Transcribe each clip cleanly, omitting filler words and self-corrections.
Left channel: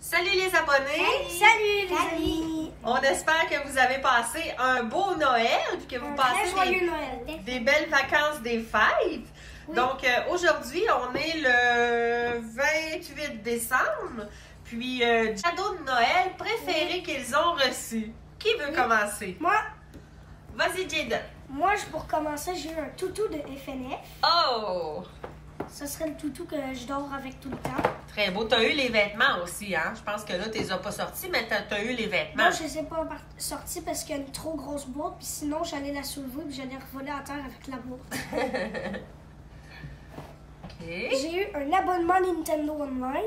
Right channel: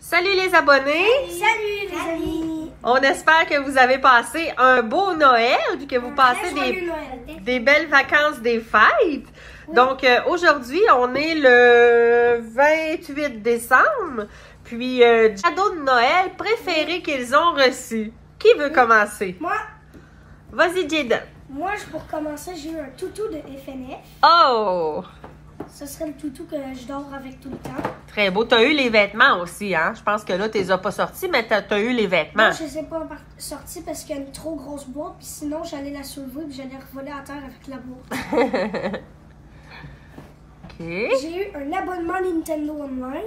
Salut les abonnés! Salut les amis! On espère que vous avez passé un beau Noël, puis que vous passez des belles vacances des fêtes. Oui. Donc aujourd'hui, on est le 28 décembre, puis cadeau de Noël préféré qu'ils ont reçu. Qui veut commencer? Moi! Vas-y, Jaden. Moi, pour commencer, j'ai eu un toutou de FNF. Oh! Ce serait le toutou que je dors avec tout le temps. Très beau. Tu as eu les vêtements aussi, hein? Je pense que là, tu les as pas sortis, mais tu as eu les vêtements. Non, je les ai pas sortis parce qu'il y a une trop grosse boîte, puis sinon, j'allais la soulever et j'allais revoler à terre avec la boîte. OK. J'ai eu un abonnement Nintendo Online.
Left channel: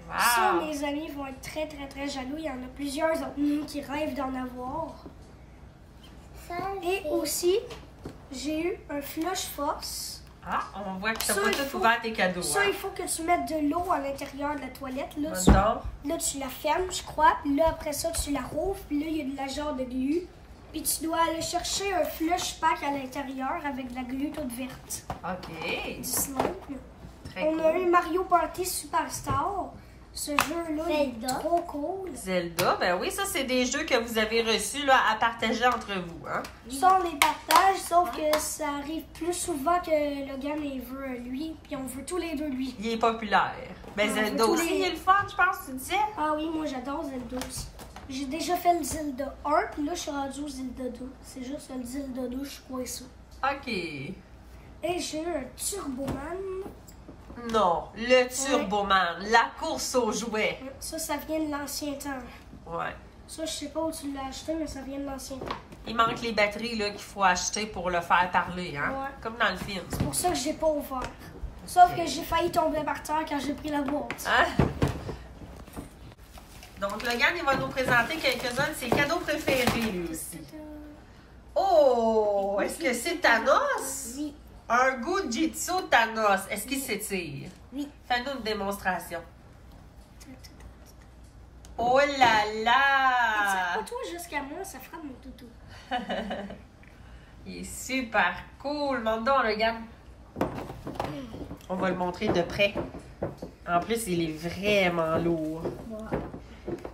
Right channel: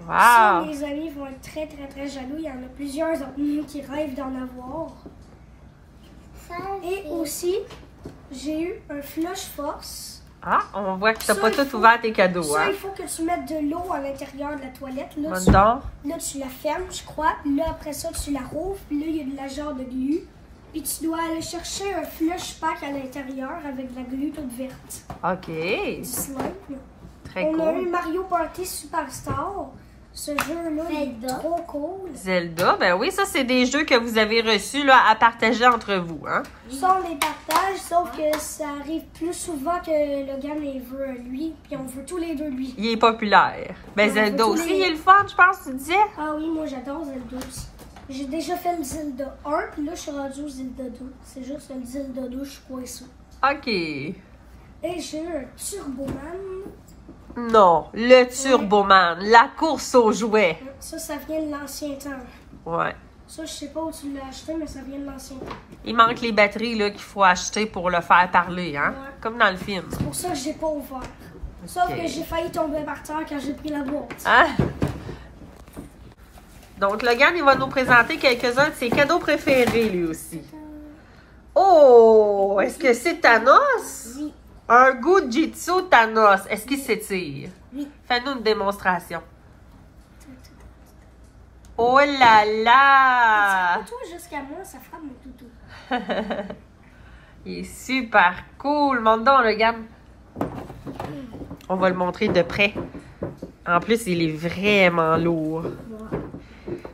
Wow! Ça, mes amis vont être très jaloux. Il y en a plusieurs autres nous qui rêvent d'en avoir. Et aussi, j'ai eu un Flush Force. Ah, on voit que tu n'as pas tout ouvert tes cadeaux. Ça, hein? il faut que tu mettes de l'eau à l'intérieur de la toilette. Là, tu la fermes, je crois. Là, après ça, tu la rouvres. Puis là, il y a de la genre de glu. Puis tu dois aller chercher un Flush Pack à l'intérieur avec de la glu toute verte. OK. Du slime. Très cool. On a eu Mario Party Superstar. Ce jeu-là, il est trop cool. Zelda, ben oui, ça, c'est des jeux que vous avez reçus là, à partager entre vous, hein? Ça, on les partage, sauf que ça arrive plus souvent que Logan, il veut lui, puis on veut tous les deux lui. Il est populaire. Ben Zelda aussi, il est le fun, je pense, tu disais? Ah oui, moi, j'adore Zelda aussi. J'ai déjà fait le Zelda 1, puis là, je suis rendue au Zelda 2. C'est juste le Zelda 2, je suis coincée. OK. Et j'ai eu un Turboman. Non, le Turboman, la course aux jouets. Ça vient de l'ancien temps. Ouais. Ça, je sais pas où tu l'as acheté, mais ça vient de l'ancien temps. Il manque les batteries là qu'il faut acheter pour le faire parler, hein? Ouais. Comme dans le film. C'est pour ça que j'ai pas ouvert. Sauf que j'ai failli tomber par terre quand j'ai pris la boîte. Hein? Donc, Logan, il va nous présenter quelques-uns de ses cadeaux préférés, lui aussi. Oh! Est-ce que c'est Thanos? Oui. Un Gujitsu Thanos. Est-ce qu'il s'étire? Oui. Fais-nous une démonstration. Oh là là! Toi jusqu'à moi, ça fera mon toutou. Il est super cool. Montre donc, regarde. On va le montrer de près. En plus, il est vraiment lourd.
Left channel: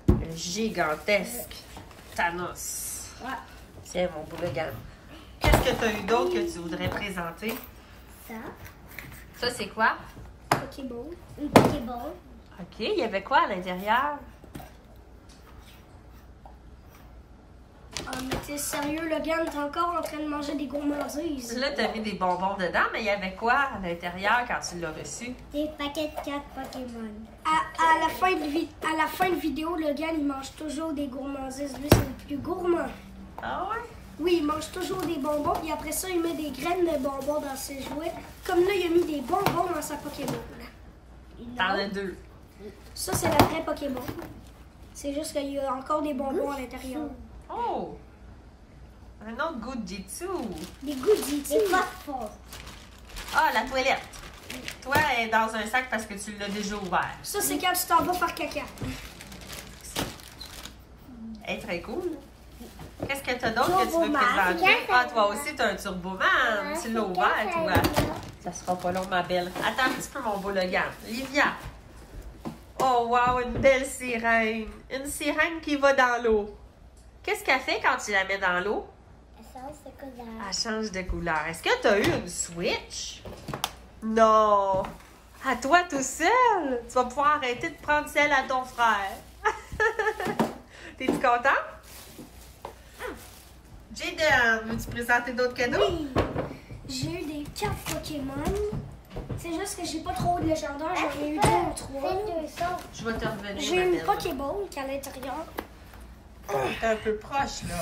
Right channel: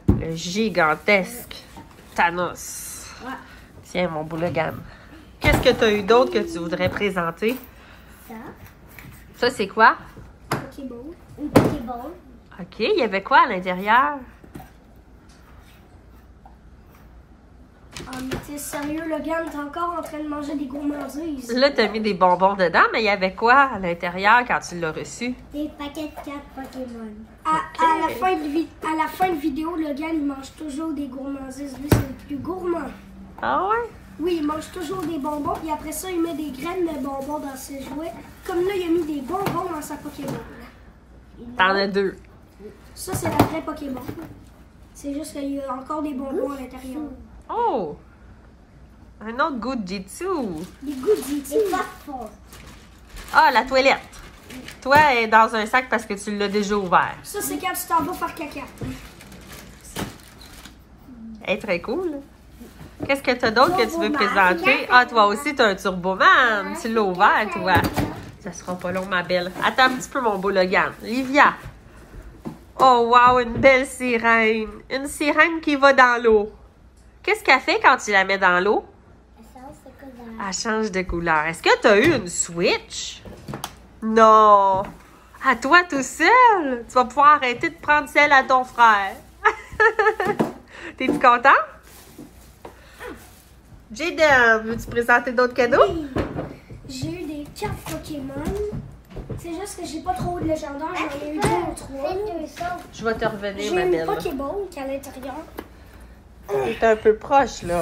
Un gigantesque Thanos. Ouais. Tiens, mon beau Logan. Qu'est-ce que tu as eu d'autre que tu voudrais présenter? Ça. Ça, c'est quoi? Pokéball. Une Pokéball. OK. Il y avait quoi à l'intérieur? Oh, mais t'es sérieux, Logan? T'es encore en train de manger des gourmandises. Là, tu as mis des bonbons dedans, mais il y avait quoi à l'intérieur quand tu l'as reçu? Des paquets de cartes Pokémon. À la fin de vidéo, Logan, il mange toujours des gourmandises. Lui, c'est le plus gourmand. Ah ouais? Oui, il mange toujours des bonbons. Et après ça, il met des graines de bonbons dans ses jouets. Comme là, il a mis des bonbons dans sa Pokéball. T'en as deux. Ça, c'est la vraie Pokéball. C'est juste qu'il y a encore des bonbons à l'intérieur. Oh! Un autre Gujitsu. Des goodies. Des phosphores. Ah, la toilette. Toi, elle est dans un sac parce que tu l'as déjà ouvert. Ça, c'est quand tu t'en vas faire caca. Elle est très cool. Qu'est-ce que tu as d'autre que tu veux présenter? Ah, toi aussi, tu as un Turboman. Tu l'as ouvert, toi. Ça sera pas long, ma belle. Attends un petit peu, mon beau Logan. Livia. Oh, wow, une belle sirène. Une sirène qui va dans l'eau. Qu'est-ce qu'elle fait quand tu la mets dans l'eau? Elle change de couleur. Est-ce que tu as eu une Switch? Non. À toi tout seul? Tu vas pouvoir arrêter de prendre celle à ton frère. T'es-tu content? Jaden, veux-tu présenter d'autres cadeaux? Oui. J'ai eu des cartes Pokémon. C'est juste que j'ai pas trop de légendaires. J'en ai eu 2 ou 3. Je vais te revenir, J'ai ma une belle. Pokéball qui est à l'intérieur. T'es un peu proche, là.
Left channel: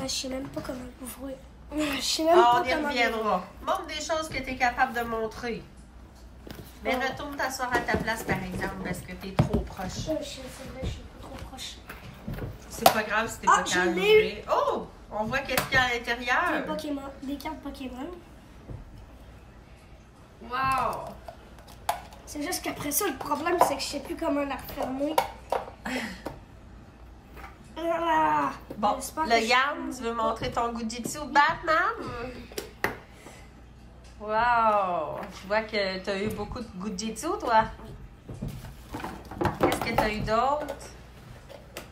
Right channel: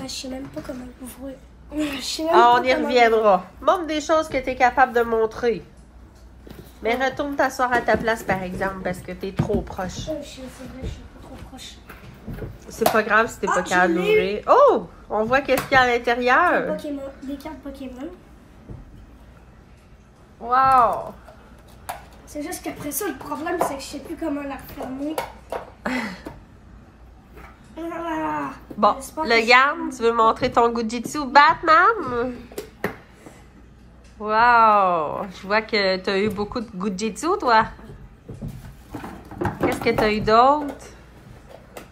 Je sais même pas comment l'ouvrir. Je sais même Ah, pas on y comment reviendra. Montre des choses que tu es capable de montrer. Mais retourne t'asseoir à ta place, par exemple, parce que tu es trop proche. C'est vrai, je suis pas trop proche. C'est pas grave si t'es pas capable d'ouvrir. Oh! On voit qu'est-ce qu'il y a à l'intérieur. Des cartes Pokémon. Wow! C'est juste qu'après ça, le problème, c'est que je sais plus comment la refermer. Bon, Logan, tu veux montrer ton Gujitsu Batman? Wow! Je vois que tu as eu beaucoup de Gujitsu, toi. Qu'est-ce que tu as eu d'autre?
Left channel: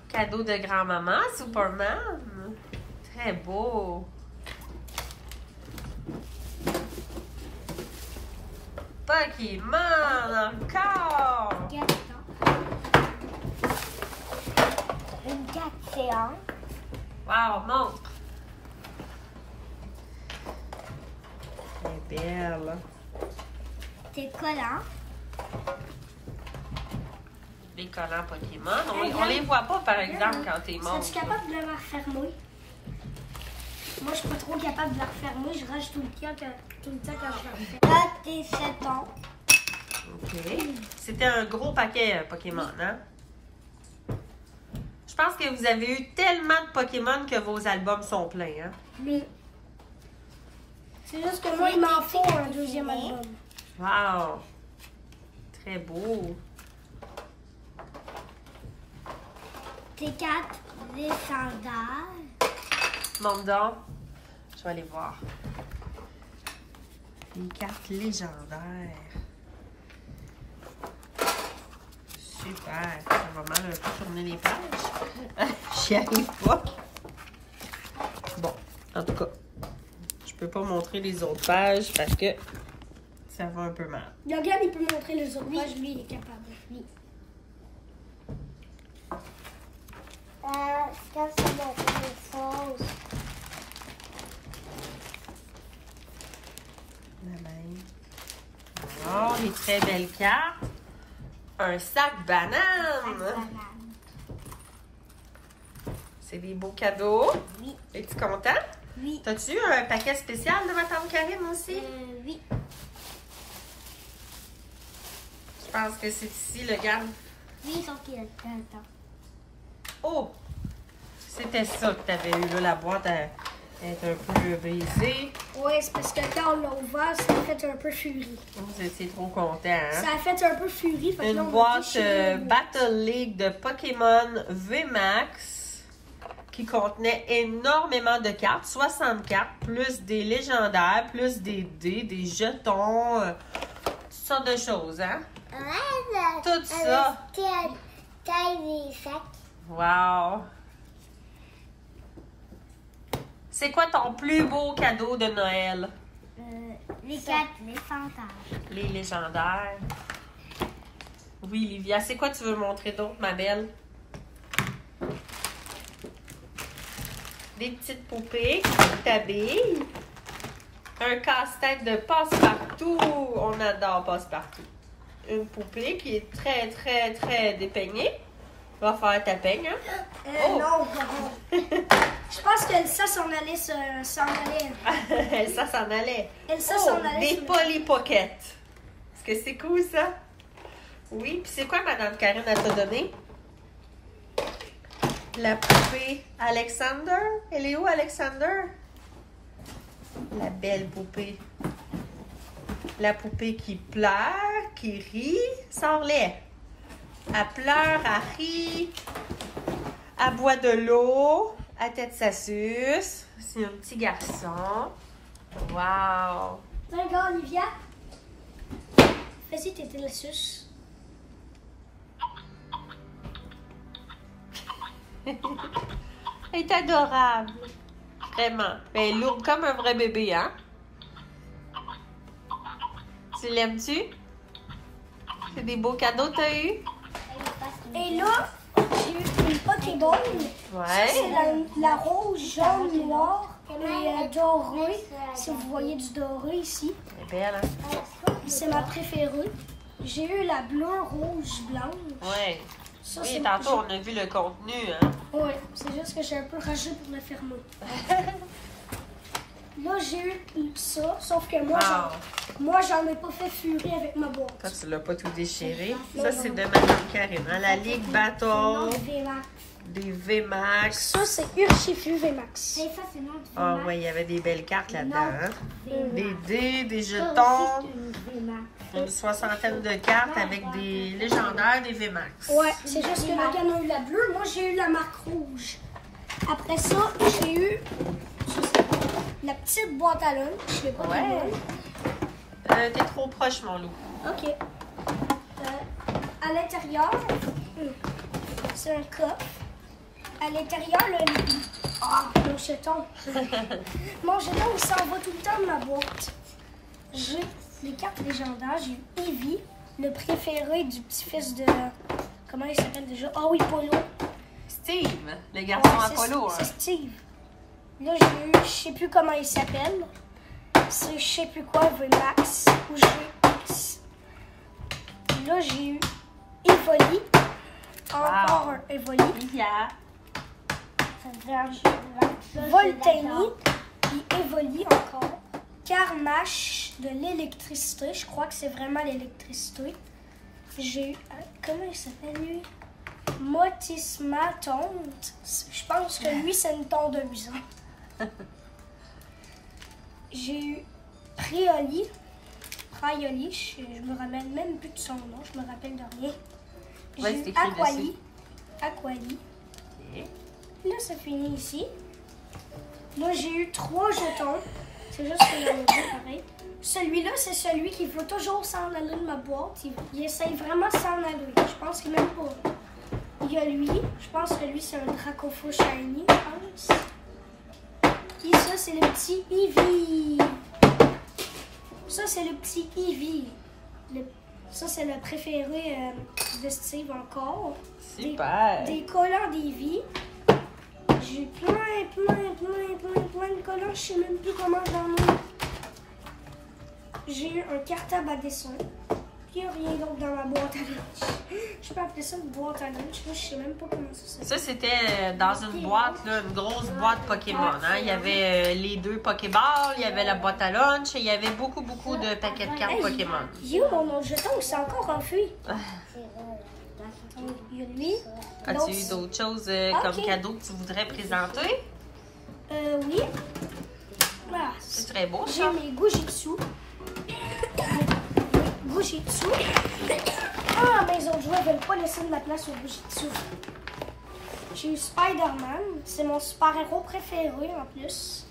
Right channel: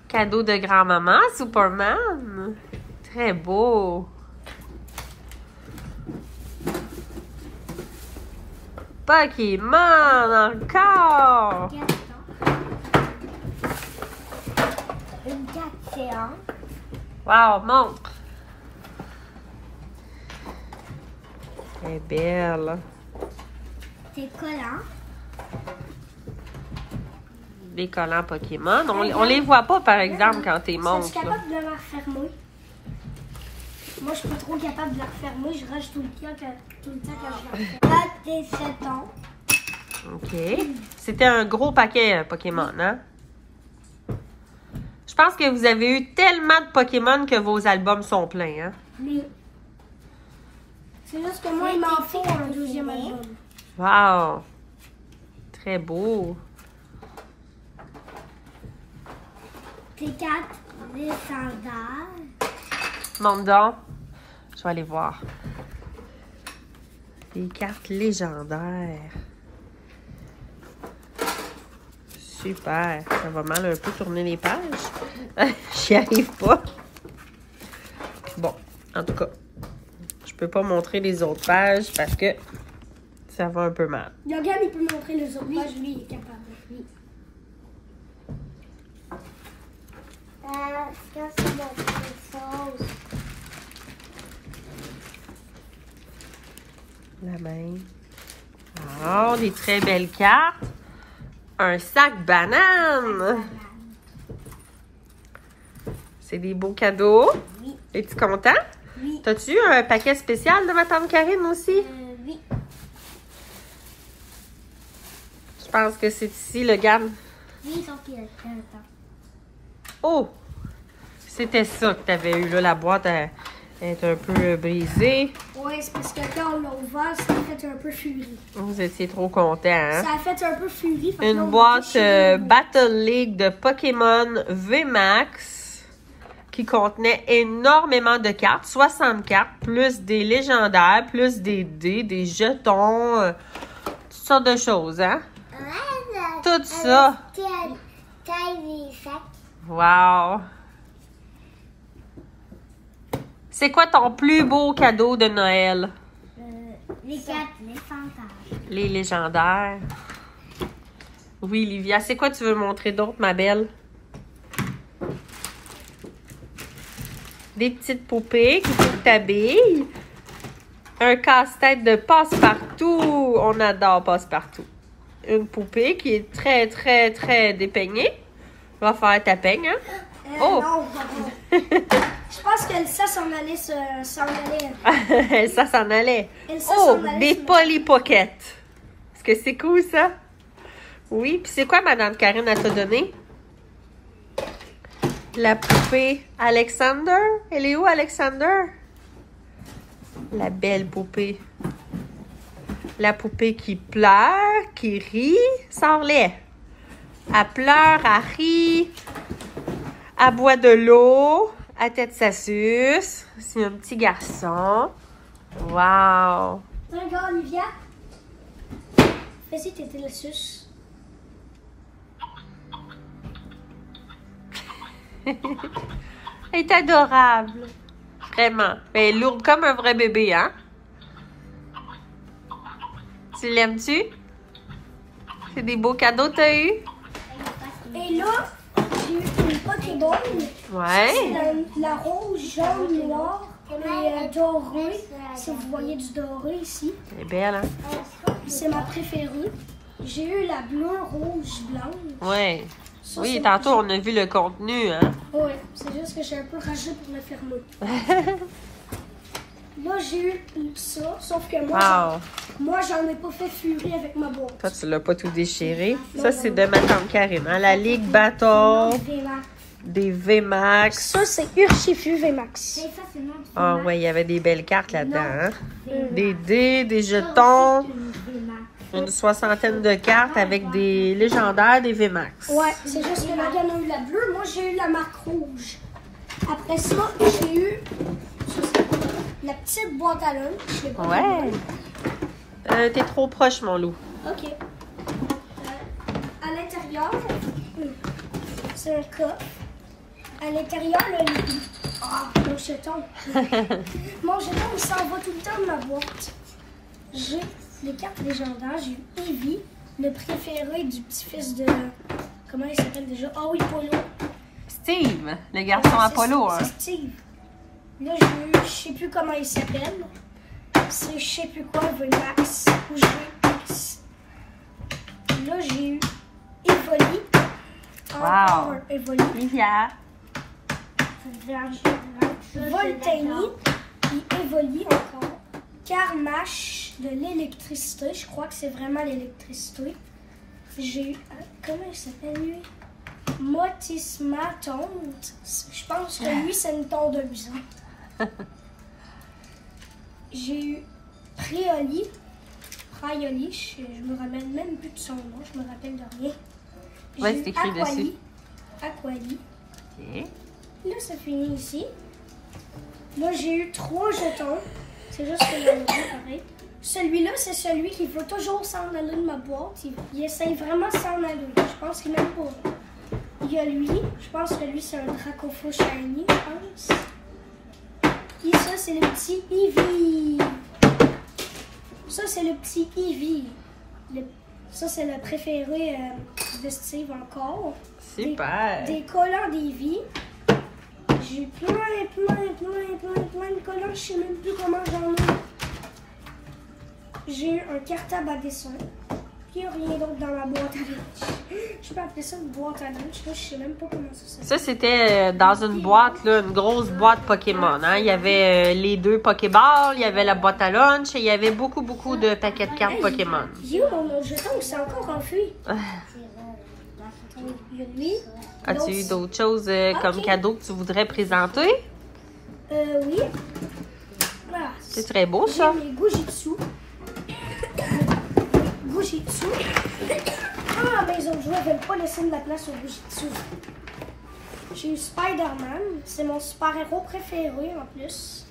Cadeau de grand-maman, Superman. Très beau. Pokémon encore. Une carte géante. Wow, montre. Très belle. C'est collant. Des collants Pokémon. On les voit pas, par exemple, quand t'es montres. Es-tu capable de la refermer? Moi, je suis pas trop capable de la refermer. Je rage tout le temps quand je la referme. Là, t'es 7 ans. OK. C'était un gros paquet Pokémon, hein? Je pense que vous avez eu tellement de Pokémon que vos albums sont pleins, hein? Mais c'est juste que moi, il m'en faut un deuxième album. Wow! Très beau. Tes cartes légendaires. Montre donc. Je vais aller voir. Des cartes légendaires. Super. Ça va mal un peu tourner les pages. J'y arrive pas. Bon, en tout cas, je peux pas montrer les autres pages parce que ça va un peu mal. Logan, il peut montrer les autres pages. Lui, il est capable. Oui. Quand c'est mon chose. La main. Oh, des très belles cartes. Un sac banane. C'est des beaux cadeaux. Oui. Es-tu content? Oui. T'as-tu eu un paquet spécial de ma tante Karine aussi? Oui. Je pense que c'est ici, le gamme. Oui, sauf qu'il y a plein de temps. Oh! C'était ça que t'avais eu là. La boîte elle est un peu brisée. Ouais, c'est parce que quand on l'a ouvert, ça a fait un peu furie. Vous étiez trop content, hein? Ça a fait un peu furie. Fait que là, on Une a boîte déchiré le boîte. Battle League de Pokémon VMAX qui contenait énormément de cartes, 60 cartes, plus des légendaires, plus des dés, des jetons, toutes sortes de choses, hein? Tout ça. Wow! C'est quoi ton plus beau cadeau de Noël? Les cartes légendaires. Les légendaires. Oui, Livia. C'est quoi tu veux montrer d'autre, ma belle? Des petites poupées qui t'habillent. Un casse-tête de Passe-Partout. On adore Passe-Partout. Une poupée qui est très, très, très dépeignée. Va faire ta peigne, hein? Oh! Non, je pense qu'Elsa s'en allait. Ça s'en allait. Elsa Oh, s'en allait. des sur- Polly Pocket. Est-ce que c'est cool, ça? Oui. Puis c'est quoi, Madame Karine, elle t'a donné? La poupée Alexander. Elle est où, Alexander? La belle poupée. La poupée qui pleure, qui rit, sors-les. Elle pleure, elle rit, elle boit de l'eau, elle tête sa suce. C'est un petit garçon. Wow! Regarde, Olivia. Fais-y, t'étais le sus. Elle est adorable. Vraiment. Elle est lourde comme un vrai bébé, hein? Tu l'aimes-tu? C'est des beaux cadeaux que t'as eu? Et là, j'ai eu une Pokéball. Ouais. C'est la rose, jaune, noir et doré. Si vous voyez du doré ici. Elle est belle, hein? C'est ma préférée. J'ai eu la bleue, rouge, blanche. Ouais. Ça, Oui, c'est- tantôt, on a vu le contenu, hein? Ouais, c'est juste que j'ai un peu ragé pour le fermer. Là, j'ai eu ça, sauf que moi, j'en ai pas fait furie avec ma boîte. Toi, tu l'as pas tout déchiré. Ça, c'est de ma tante Karine, hein? La Ligue Battle, des VMAX. Ça, c'est Urshifu VMAX. Et ça, c'est notre Ah ouais, il y avait des belles cartes là-dedans, hein? Des dés, des jetons, une soixantaine de cartes avec des légendaires, des VMAX. Ouais, c'est juste que Logan a eu la bleue. Moi, j'ai eu la marque rouge. Après ça, j'ai eu la petite boîte à lunch. Je l'ai pas Ouais. vue. T'es trop proche, mon loup. OK. à l'intérieur, c'est un coffre. À l'intérieur, mon jeton. Mon jeton, il s'en va tout le temps de ma boîte. J'ai les cartes légendaires. J'ai Eevee, le préféré du petit-fils de... Comment il s'appelle déjà? Ah oui, Polo. Steve, le garçon Apollo. C'est Steve. Là, j'ai eu, je sais plus comment il s'appelle. C'est je sais plus quoi, Max ou Max. Là, j'ai eu Evoli. Encore un Evoli. Livia. Voltainie. Puis Evoli encore. Carmache de l'électricité. Je crois que c'est vraiment l'électricité. J'ai eu... Comment il s'appelle lui? Motisma tonte. Je pense que lui, c'est une tondeuse. J'ai eu Prioli. Je me rappelle même plus de son nom. Je me rappelle de rien. J'ai eu Aquali. Okay. Là, c'est fini ici. Là, j'ai eu 3 jetons. C'est juste que là, pareil. Celui-là, c'est celui qui veut toujours s'en aller de ma boîte. Il essaye vraiment de s'en aller. Je pense qu'il m'aime pas. Il y a lui. Je pense que lui, c'est un Dracofo Shiny, je pense. Et ça, c'est le petit Eevee. Ça, c'est le petit Eevee. Ça, c'est le préféré de Steve encore. Super. Des collants d'Eevee. J'ai plein de collants. Je sais même plus comment j'en ai. J'ai un cartable à dessin. Il n'y a rien d'autre dans la boîte à lunch. Je peux appeler ça une boîte à lunch. Là, je sais même pas comment ça s'appelle. Ça, c'était dans une boîte, là, une grosse boîte Pokémon. Hein? Il y avait les 2 Pokéballs, il y avait la boîte à lunch et il y avait beaucoup de paquets de cartes Pokémon. J'ai où mon jeton? Il s'est encore enfui. Il y a lui. As-tu eu d'autres choses comme cadeau que tu voudrais présenter? Oui. Ah, c'est très beau, ça. J'ai mes Gujitsu. Gujitsu. Ah, mes autres joueurs ne veulent pas laisser de la place au Gujitsu. J'ai eu Spider-Man. C'est mon super-héros préféré en plus.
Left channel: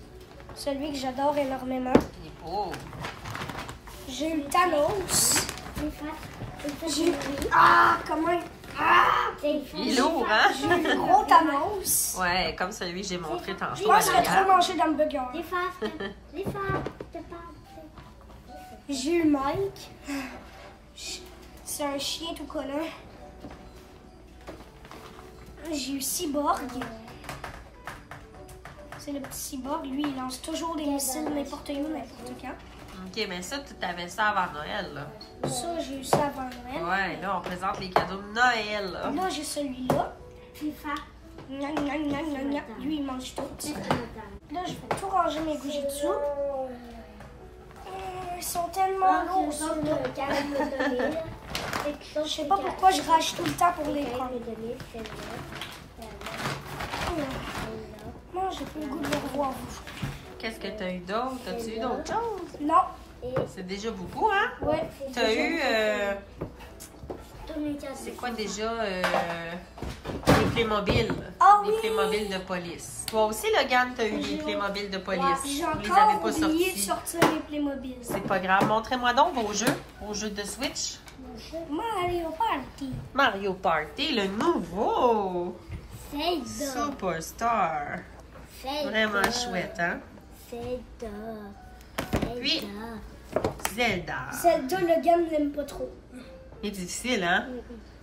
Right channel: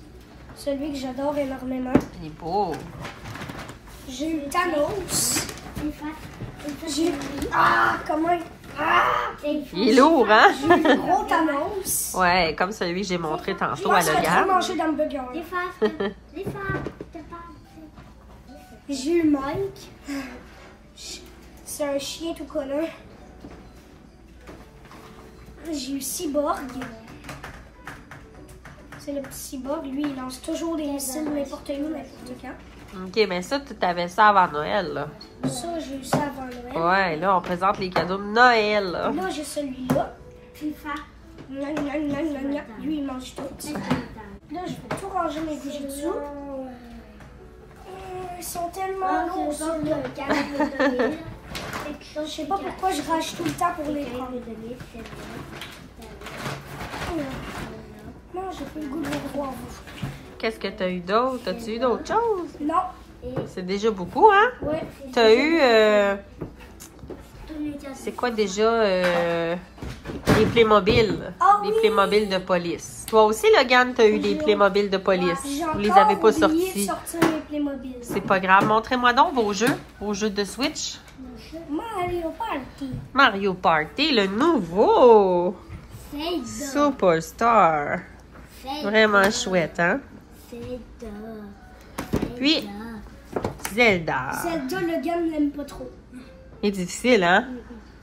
Celui que j'adore énormément. Il est beau. J'ai eu Thanos. J'ai eu... Ah, comment... Ah! Il est lourd, hein? J'ai eu le gros Thanos. Ouais, comme celui que j'ai montré tantôt Je pense à qu'il a trop mangé d'hamburger. J'ai eu Mike. C'est un chien tout collant. J'ai eu Cyborg. C'est le petit Cyborg. Lui, il lance toujours des missiles n'importe où, n'importe quand. Ok, mais ça, tu avais ça avant Noël, là. Ça, j'ai eu ça avant Noël. Ouais, là, on présente les cadeaux de Noël, là. Là, j'ai celui-là. Lui, il mange tout. Là, je vais tout ranger mes Gujitsu. Ils sont tellement lourds, ceux-là. Je sais pas pourquoi je rage tout le temps pour les prendre. Non, j'ai plus le goût de les revoir. Qu'est-ce que tu as eu d'autre? As-tu eu d'autres choses? Non. C'est déjà beaucoup, hein? Oui. Tu as eu... c'est quoi déjà? Les Playmobil. Ah, les oui. Playmobil de police. Toi aussi, Logan, tu as eu des Playmobil de police. Vous les encore avez pas oublié sortis. de sortir les Playmobil. C'est pas grave. Montrez-moi donc vos jeux de Switch. Mario Party. Mario Party, le nouveau. Superstar. Vraiment chouette, hein? Puis, Zelda. Zelda, le gars ne l'aime pas trop. Il est difficile, hein?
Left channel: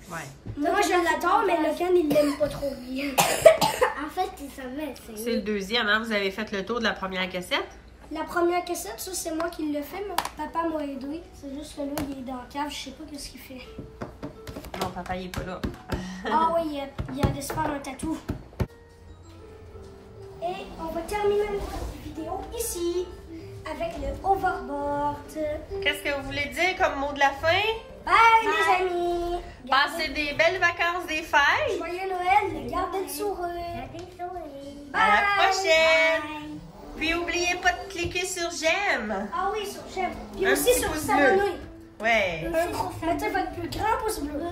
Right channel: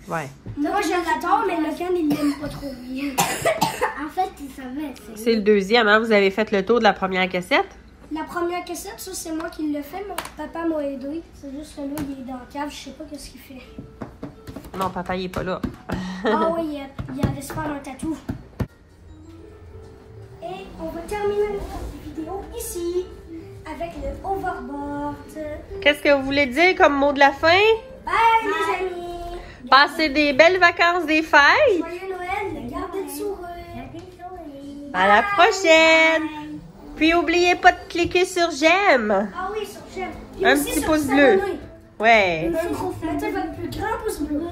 Ouais. Moi, je l'adore, mais le gars, il l'aime pas trop bien. En fait, il savait. C'est le deuxième, hein? Vous avez fait le tour de la première cassette? La première cassette, ça, c'est moi qui l'ai fait. Mon papa m'a aidé. C'est juste que là, il est dans la cave. Je sais pas qu'est-ce qu'il fait. Non, papa, il est pas là. Ah oui, il allait se faire un tatou. Et on va terminer notre vidéo ici avec le overboard. Qu'est-ce que vous voulez dire comme mot de la fin? Bye, les amis! Passez des belles vacances des fêtes! Joyeux Noël, gardez le sourire! À la prochaine! Puis n'oubliez pas de cliquer sur j'aime! Ah oui, sur j'aime! Puis Un aussi petit sur pouce bleu! s'abonner. Ouais! Mettez votre plus grand pouce bleu.